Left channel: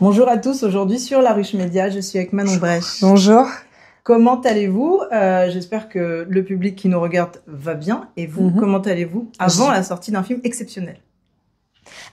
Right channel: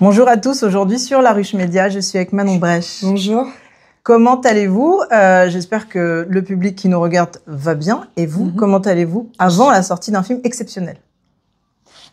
Bonjour à tous, aujourd'hui sur La Ruche Média, je suis avec Manon Brèche. Bonjour. Comment allez-vous? J'espère que le public qui nous regarde va bien. Et vous, comment allez-vous avant la sortie d'un film exceptionnel?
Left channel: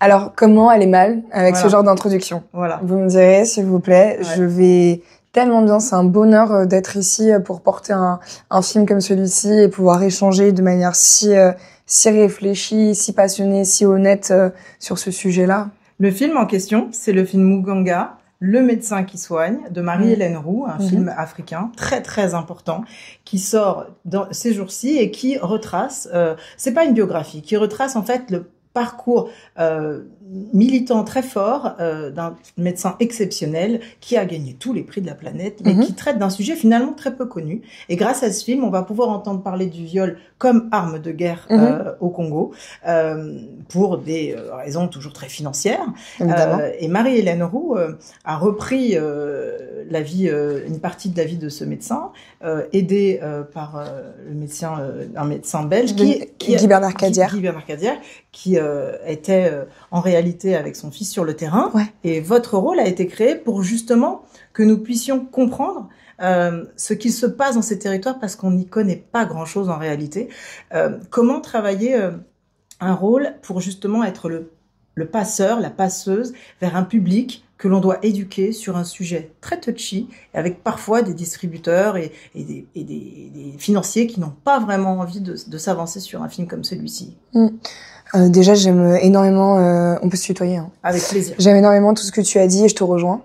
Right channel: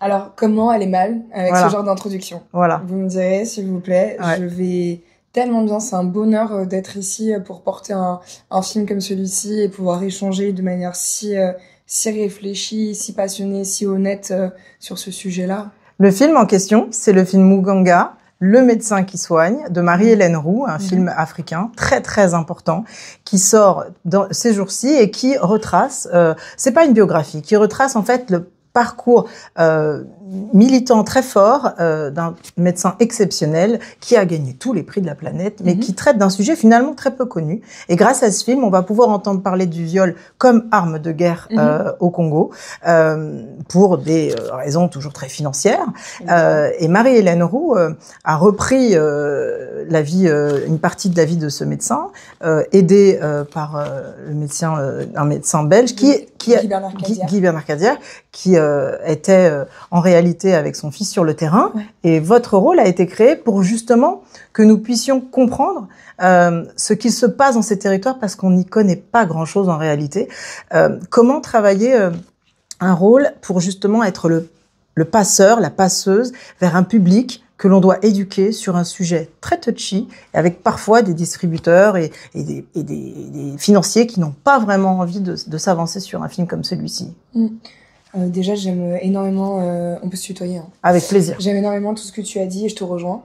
Alors, comment aller mal avec ce genre d'introduction? Voilà. Vous me direz, s'il vous plaît. Ouais. Je vais tellement bien. C'est un bonheur d'être ici pour porter un film comme celui-ci et pouvoir échanger de manière si réfléchie, si passionnée, si honnête sur ce sujet-là. Le film en question, c'est le film Muganga, le médecin qui soigne, de Marie-Hélène Roux, un film africain très très important, qui sort dans ces jours-ci et qui retrace, c'est pas une biographie, qui retrace en fait le parcours militant très fort d'un médecin exceptionnel qui a gagné tous les prix de la planète, mais qui traite d'un sujet finalement très peu connu. Et grâce à ce film, on va pouvoir entendre parler du viol comme arme de guerre au Congo, pour des raisons toujours très financières. Et Marie-Hélène Roux a repris une partie de la vie de ce médecin, aidé par un médecin belge Guy Bernard Cadière. Guy Bernard Cadière, qui était en réalité avec son fils sur le terrain. Ouais. Et votre rôle a été créé pour justement que nous puissions comprendre ce qui se passe dans ces territoires parce qu'on n'y connaît pas grand-chose en réalité. Comment travailler un rôle pour justement être le passeur, la passeuse vers un public que l'on doit éduquer sur un sujet très touchy, avec parfois des distributeurs et des financiers qui n'ont pas vraiment envie de s'avancer sur un film comme celui-ci. Déjà, j'aime énormément... on peut se tutoyer. Hein. Avec plaisir. J'aime énormément tout ce que tu as dit et je te rejoins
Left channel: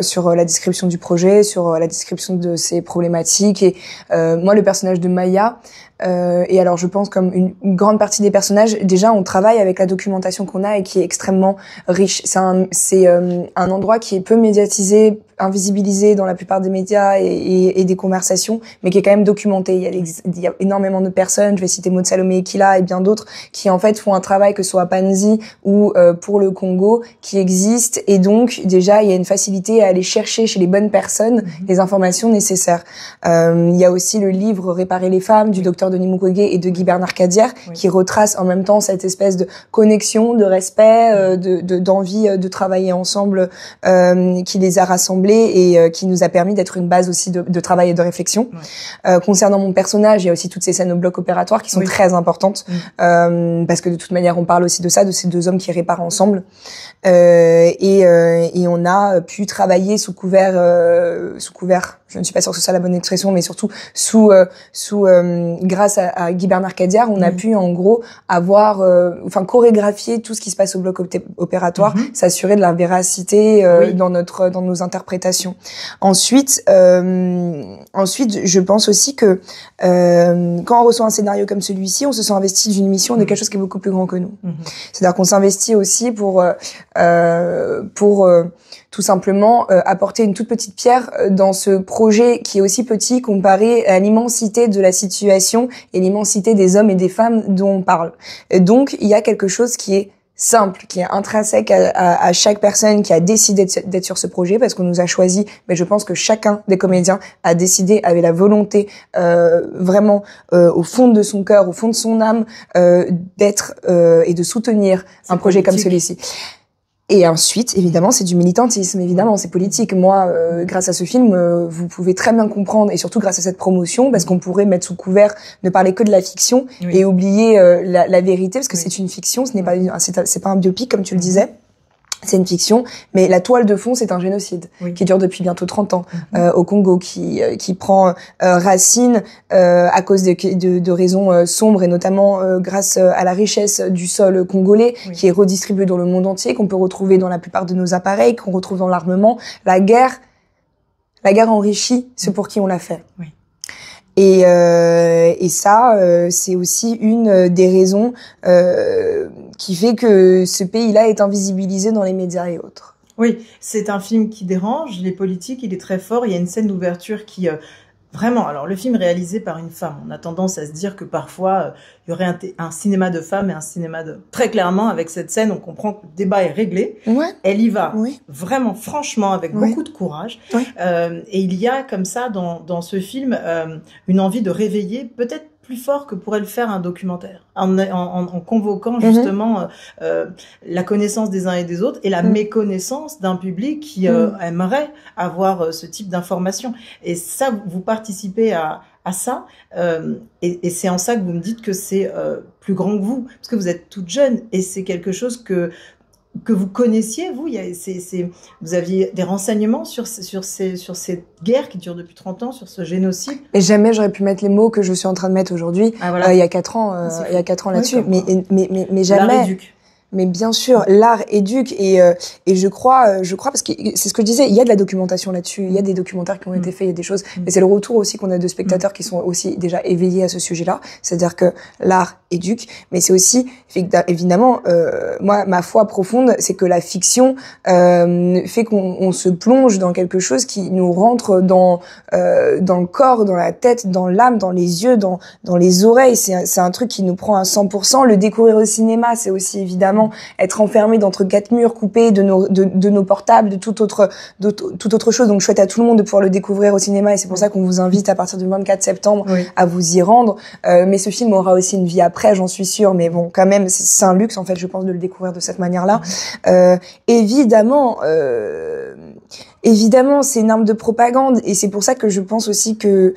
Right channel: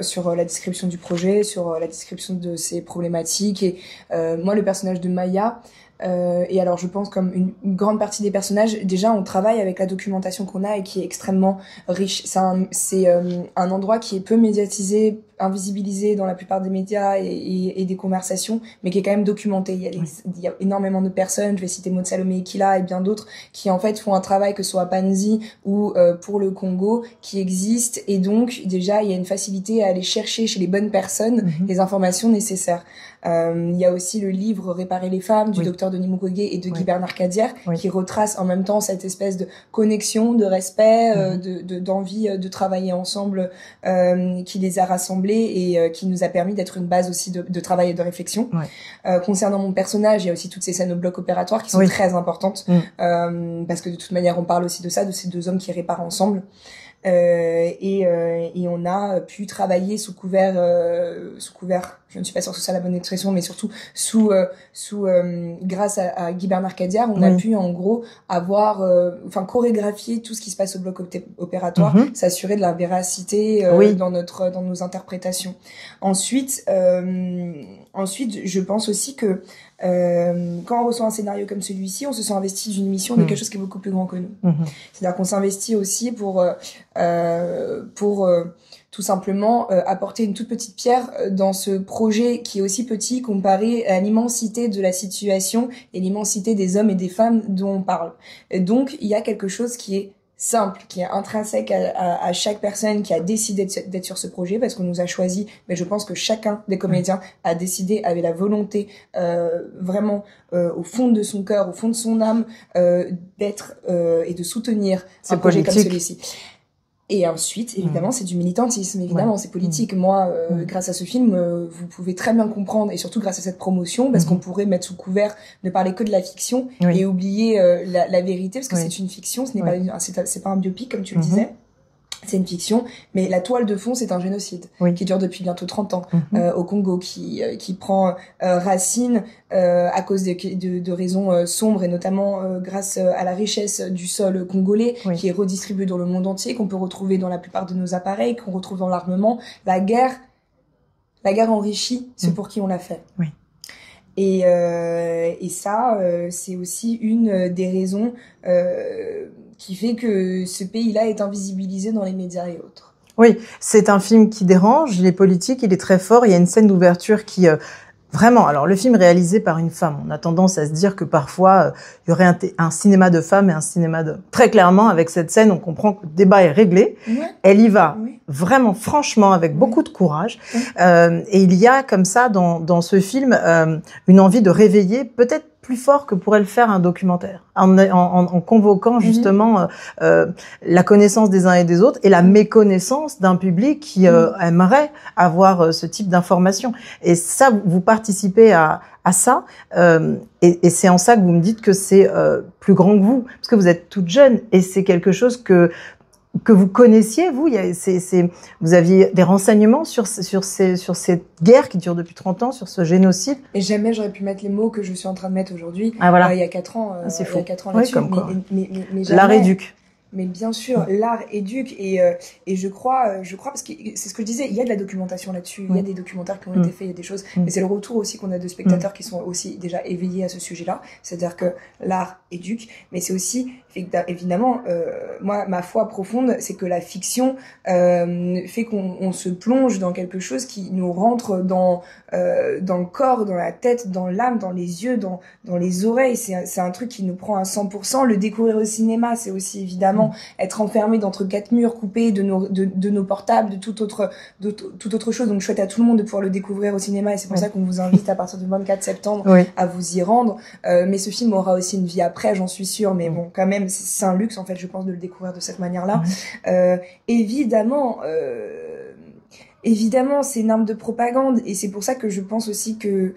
sur la description du projet, sur la description de ses problématiques. Et moi, le personnage de Maya... et alors, je pense comme une grande partie des personnages, déjà, on travaille avec la documentation qu'on a et qui est extrêmement riche. C'est un endroit qui est peu médiatisé, invisibilisé dans la plupart des médias et des conversations, mais qui est quand même documenté. Il y a énormément de personnes, je vais citer Maud Salomé Ekila et bien d'autres, qui en fait font un travail, que ce soit à Panzi ou pour le Congo, qui existe. Et donc, déjà, il y a une facilité à aller chercher chez les bonnes personnes les informations nécessaires. Il y a aussi le livre Réparer les femmes du docteur Denis Mukwege et de Guy Bernard Cadière, qui retrace en même temps cette espèce de connexion, de respect, d'envie de travailler ensemble, qui les a rassemblés et qui nous a permis d'être une base aussi de travail et de réflexion. Concernant mon personnage, il y a aussi toutes ces scènes au bloc opératoire qui sont très importantes, parce que de toute manière, on parle aussi de ça, de ces deux hommes qui réparent ensemble. Et on a pu travailler sous couvert, je ne suis pas sûre que ce soit la bonne expression, mais surtout grâce à Guy Bernard Cadière, on a pu en gros avoir, chorégraphier tout ce qui se passe au bloc opératoire, s'assurer de la véracité dans nos interprétations. Ensuite, je pense aussi que quand on reçoit un scénario comme celui-ci, on se sent investi d'une mission de quelque chose qui est beaucoup plus grand que nous. C'est-à-dire qu'on s'investit aussi pour tout simplement apporter une toute petite pierre dans ce projet qui est aussi petit comparé à l'immensité de la situation et l'immensité des hommes et des femmes dont on parle. Donc, il y a quelque chose qui est simple, qui est intrinsèque à chaque personne qui a décidé d'être sur ce projet, parce qu'on nous a choisi, mais je pense que chacun des comédiens a décidé, avait la volonté vraiment au fond de son cœur, au fond de son âme, d'être et de soutenir un projet comme celui-ci. Et ensuite, évidemment, c'est du militantisme, évidemment, c'est politique. Moi, grâce à ce film, vous pouvez très bien comprendre, et surtout grâce à cette promotion, parce qu'on pourrait mettre sous couvert, ne parler que de la fiction et oublier la vérité, parce que c'est une fiction, ce n'est pas c'est pas un biopic, comme tu le disais. C'est une fiction, mais la toile de fond, c'est un génocide qui dure depuis bientôt 30 ans au Congo, qui prend racine à cause de raisons sombres, et notamment grâce à la richesse du sol congolais qui est redistribué dans le monde entier, qu'on peut retrouver dans la plupart de nos appareils, qu'on retrouve dans l'armement. La guerre enrichit ceux pour qui on l'a fait. Et ça, c'est aussi une des raisons qui fait que ce pays-là est invisibilisé dans les médias et autres. Oui, c'est un film qui dérange, il est politique, il est très fort. Il y a une scène d'ouverture qui vraiment, alors le film réalisé par une femme, on a tendance à se dire que parfois il y aurait un cinéma de femmes et un cinéma de... Très clairement, avec cette scène, on comprend que le débat est réglé. Elle y va vraiment, franchement, avec beaucoup de courage. Et il y a comme ça, dans ce film, une envie de réveiller peut-être plus fort que pourrait le faire un documentaire, en convoquant justement la connaissance des uns et des autres et la méconnaissance d'un public qui aimerait avoir ce type d'information. Et ça, vous participez à ça, et c'est en ça que vous me dites que c'est plus grand que vous, parce que vous êtes toute jeune, et c'est quelque chose que vous connaissiez, vous. Vous aviez des renseignements sur cette guerre qui dure depuis 30 ans, sur ce génocide. Et jamais j'aurais pu mettre les mots que je suis en train de mettre aujourd'hui. Il y a 4 ans, il y a 4 ans là-dessus. Mais jamais. L'art éduque. Mais bien sûr, l'art éduque, et je crois parce que c'est ce que je disais, il y a de la documentation là-dessus, il y a des documentaires qui ont été faits, il y a des choses, mais c'est le retour aussi qu'on a de spectateurs qui sont aussi déjà éveillés à ce sujet-là, c'est-à-dire que l'art éduque, mais c'est aussi, évidemment, moi, ma foi profonde, c'est que la fiction fait qu'on se plonge dans quelque chose qui nous rentre dans le corps, dans la tête, dans l'âme, dans les yeux, dans les oreilles, c'est un truc qui nous prend à 100%. Le découvrir au cinéma, c'est aussi évidemment être enfermé d'entre 4 murs, coupés de nos portables, de toute autre chose. Donc, je souhaite à tout le monde de pouvoir le découvrir au cinéma, et c'est pour ça qu'on vous invite à partir du 24 septembre à vous y rendre. Mais ce film aura aussi une vie après, j'en suis sûre. Mais bon, quand même, c'est un luxe, en fait, je pense, de le découvrir de cette manière-là. Évidemment, c'est une arme de propagande, et c'est pour ça que je pense aussi que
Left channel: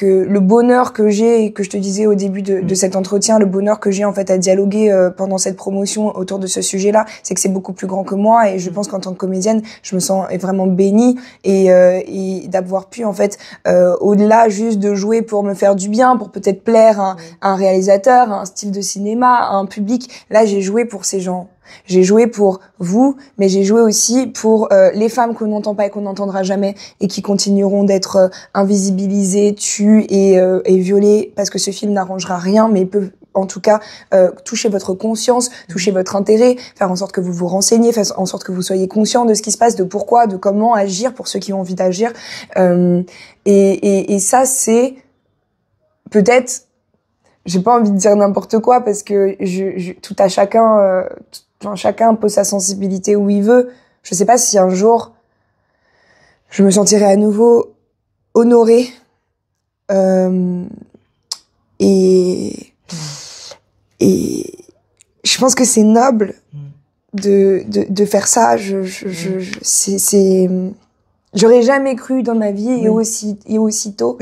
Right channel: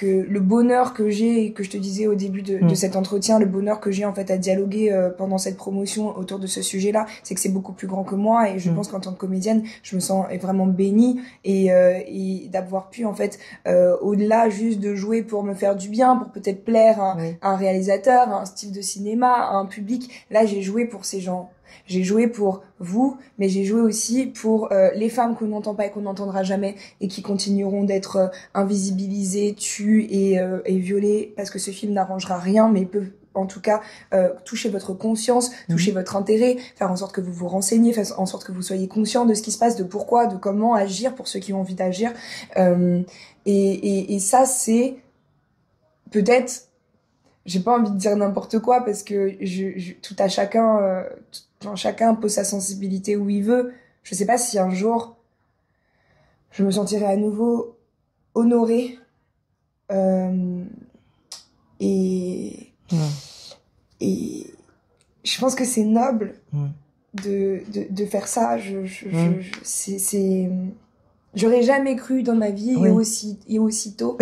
le bonheur que j'ai, et que je te disais au début de cet entretien, le bonheur que j'ai en fait à dialoguer pendant cette promotion autour de ce sujet-là, c'est que c'est beaucoup plus grand que moi, et je pense qu'en tant que comédienne, je me sens vraiment bénie, et d'avoir pu en fait au-delà juste de jouer pour me faire du bien, pour peut-être plaire à un réalisateur, à un style de cinéma, à un public. Là, j'ai joué pour ces gens. J'ai joué pour vous, mais j'ai joué aussi pour les femmes qu'on n'entend pas et qu'on n'entendra jamais, et qui continueront d'être invisibilisées, tues et violées, parce que ce film n'arrangera rien, mais il peut en tout cas toucher votre conscience, toucher votre intérêt, faire en sorte que vous vous renseigniez, faire en sorte que vous soyez conscient de ce qui se passe, de pourquoi, de comment agir pour ceux qui ont envie d'agir. Et ça, c'est peut-être, j'ai pas envie de dire n'importe quoi, parce que tout à chacun... chacun pose sa sensibilité où il veut. Je sais pas si un jour je me sentirai à nouveau honorée, et je pense que c'est noble de faire ça. J'aurais jamais cru dans ma vie, et aussitôt.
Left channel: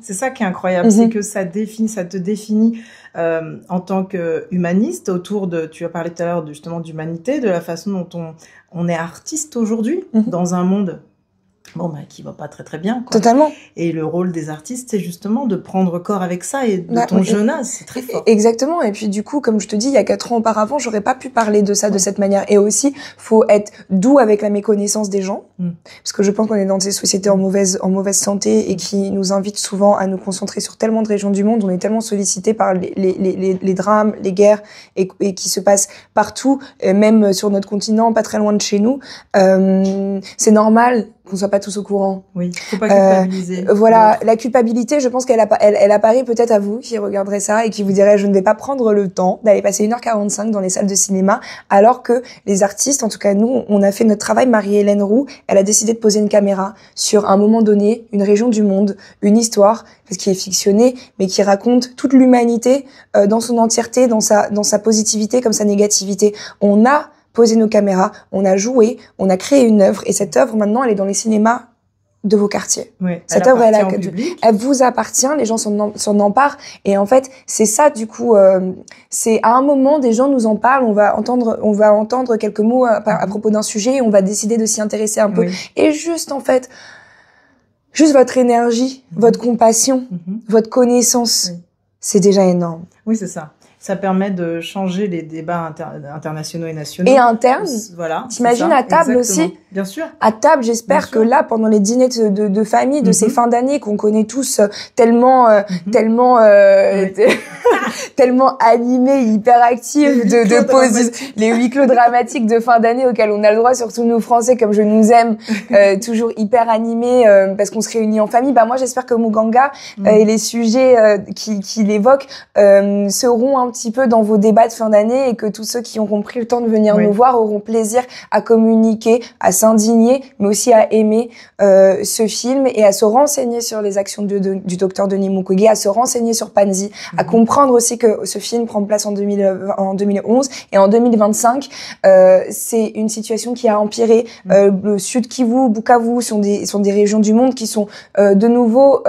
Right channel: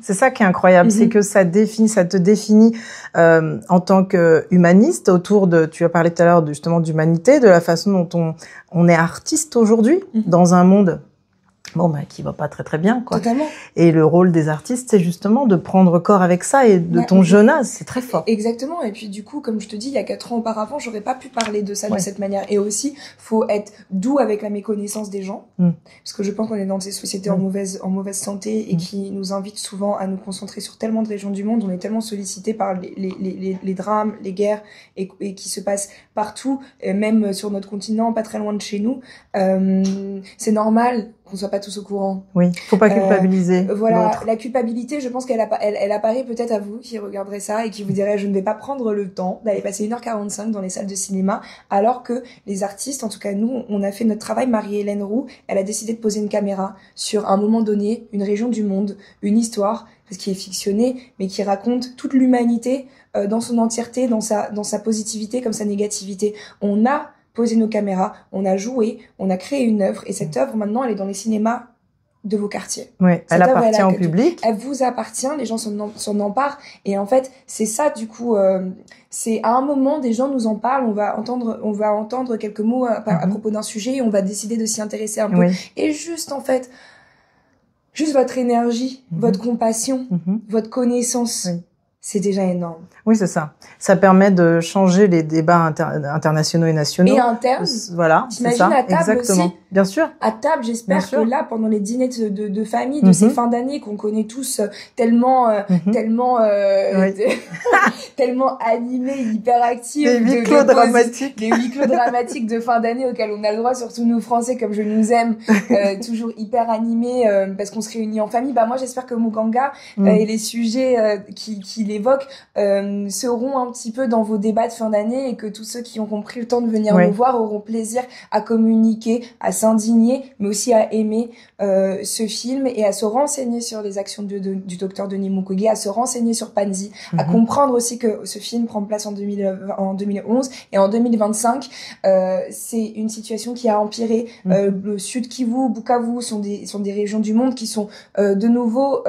C'est ça qui est incroyable, c'est que ça te définit en tant qu'humaniste autour de, tu as parlé tout à l'heure justement d'humanité, de la façon dont on est artiste aujourd'hui dans un monde qui va pas très très bien, quoi. Totalement. Et le rôle des artistes, c'est justement de prendre corps avec ça, et de ton jeune âge, c'est très fort. Exactement. Et puis du coup, comme je te dis, il y a 4 ans auparavant, j'aurais pas pu parler de ça de cette manière. Et aussi, faut être doux avec la méconnaissance des gens, parce que je pense qu'on est dans des sociétés en mauvaise santé, et qui nous invitent souvent à nous concentrer sur tellement de régions du monde. On est tellement sollicité par les drames, les guerres, et qui se passent partout, même sur notre continent, pas très loin de chez nous. C'est normal qu'on soit pas tous au courant. Oui, faut pas culpabiliser. Voilà, la culpabilité, je pense qu'elle apparaît peut-être à vous qui regarderez ça et qui vous direz, je ne vais pas prendre le temps d'aller passer 1h45 dans les salles de cinéma, alors que les artistes, en tout cas nous, on a fait notre travail. Marie-Hélène Roux, elle a décidé de poser une caméra sur un moment donné, une région du monde, une histoire, parce qui est fictionnée, mais qui raconte toute l'humanité dans son entièreté, dans sa positivité comme sa négativité. On a posé nos caméras, on a joué, on a créé une œuvre, et cette œuvre, maintenant, elle est dans les cinémas de vos quartiers. Oui, elle appartient au public. Elle vous appartient, les gens s'en emparent, et en fait, c'est ça, du coup, c'est à un moment, des gens nous en parlent, on va entendre quelques mots à propos d'un sujet, et on va décider de s'y intéresser un peu. Et juste, en fait, juste votre énergie, votre compassion, votre connaissance, c'est déjà énorme. Oui, c'est ça. Ça permet de changer les débats internationaux et nationaux. Et internes. Voilà. T'imagines à table aussi. Bien sûr. À table, j'espère que là, pendant les dîners de famille, de ces fins d'année qu'on connaît tous tellement animés, hyperactifs, les huis clos dramatiques de fin d'année auxquels on a le droit, surtout nous Français, comme je nous aime, toujours hyper animés, parce qu'on se réunit en famille. Moi, j'espère que Muganga et les sujets qu'il évoque seront un petit peu dans vos débats de fin d'année et que tous ceux qui ont pris le temps de venir nous voir auront plaisir à communiquer, à s'indigner, mais aussi à aimer ce film et à se renseigner sur les actions du docteur Denis Mukwege, à se renseigner sur Panzi, à comprendre aussi que ce film prend place en 2011 et en 2025. C'est une situation qui a empiré. Le Sud Kivu, Bukavu sont des régions du monde qui sont de nouveau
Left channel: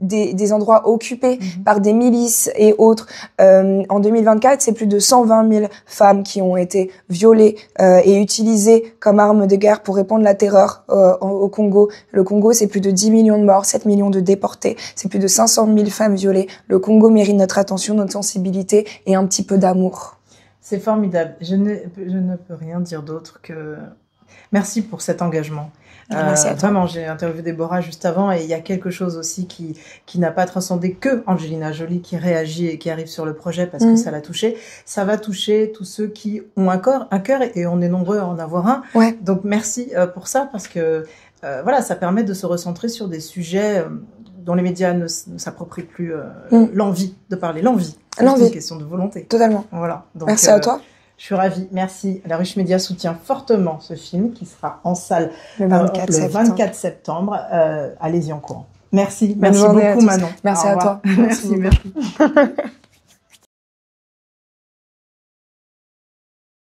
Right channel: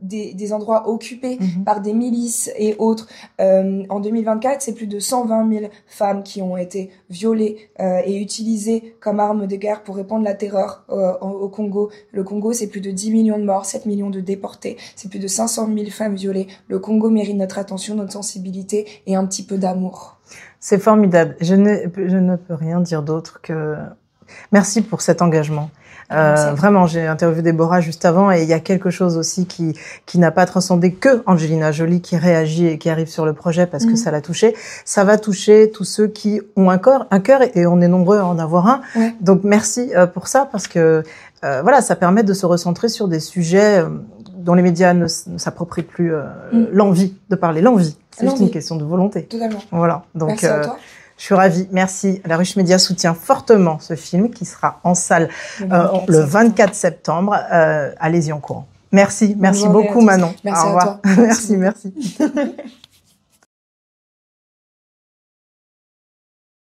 des endroits occupés par des milices et autres. En 2024, c'est plus de 120 000 femmes qui ont été violées et utilisées comme armes de guerre pour répandre la terreur au Congo. Le Congo, c'est plus de 10 millions de morts, 7 millions de déportés, c'est plus de 500 000 femmes violées. Le Congo mérite notre attention, notre sensibilité et un petit peu d'amour. C'est formidable. Je ne peux rien dire d'autre que merci pour cet engagement. Vraiment, j'ai interviewé Déborah juste avant et il y a quelque chose aussi qui n'a pas transcendé que Angelina Jolie qui réagit et qui arrive sur le projet parce que ça l'a touché. Ça va toucher tous ceux qui ont un cœur et on est nombreux à en avoir un. Ouais. Donc merci pour ça parce que voilà, ça permet de se recentrer sur des sujets dont les médias ne s'approprient plus l'envie de parler. L'envie, c'est une question de volonté. Totalement. Voilà. Donc, merci à toi. Je suis ravie. Merci. La Ruche Média soutient fortement ce film qui sera en salle le 24 septembre. Allez-y en courant. Merci. Merci beaucoup, Manon. Merci à toi. Merci.